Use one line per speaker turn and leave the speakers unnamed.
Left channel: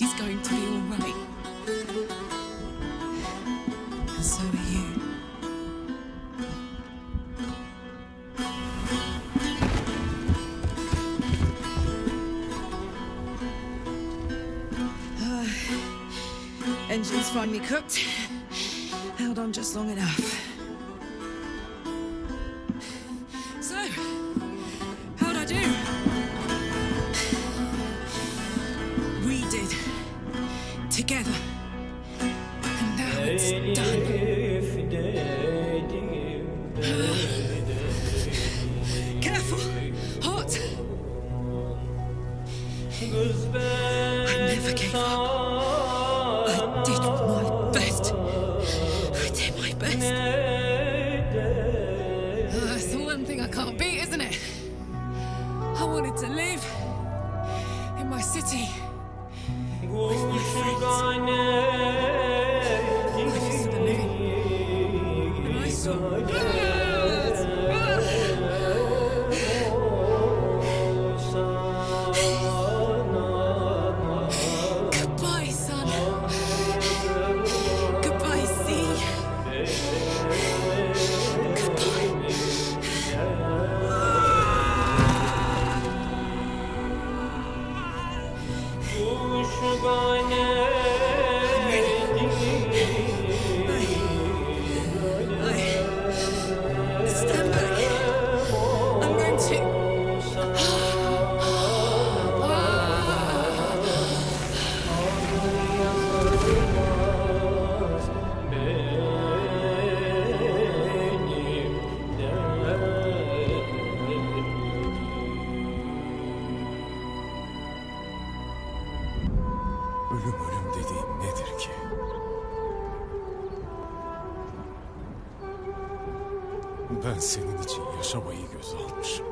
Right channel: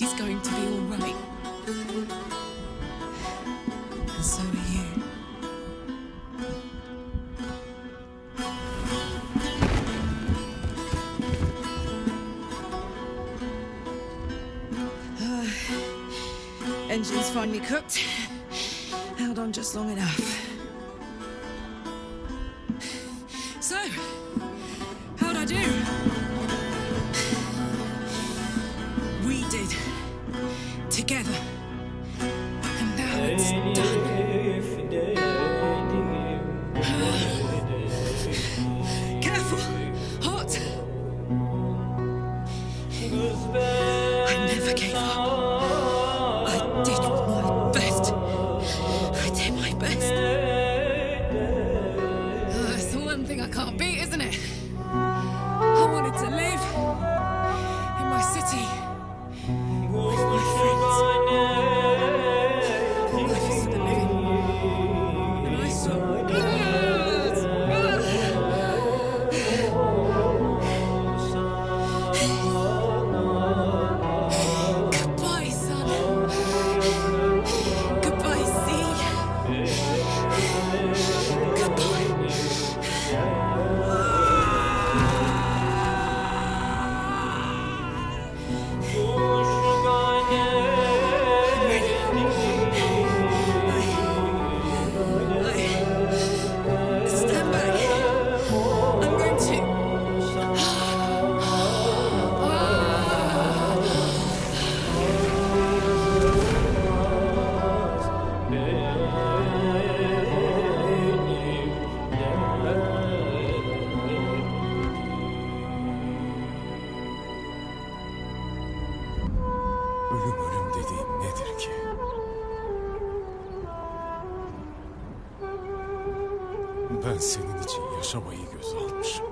she's going to be all right. And so are you. Uh, engine's finally cooked. Held on just long enough. So, did. Together. And now it's done. Careful! Hot! I never gave up. I did my best. I did my best. Oh, it's the one thing I can't beat, isn't it? I wanted to live in my city.
Gane, ki? Ben senin için yaşamayı göze almışım.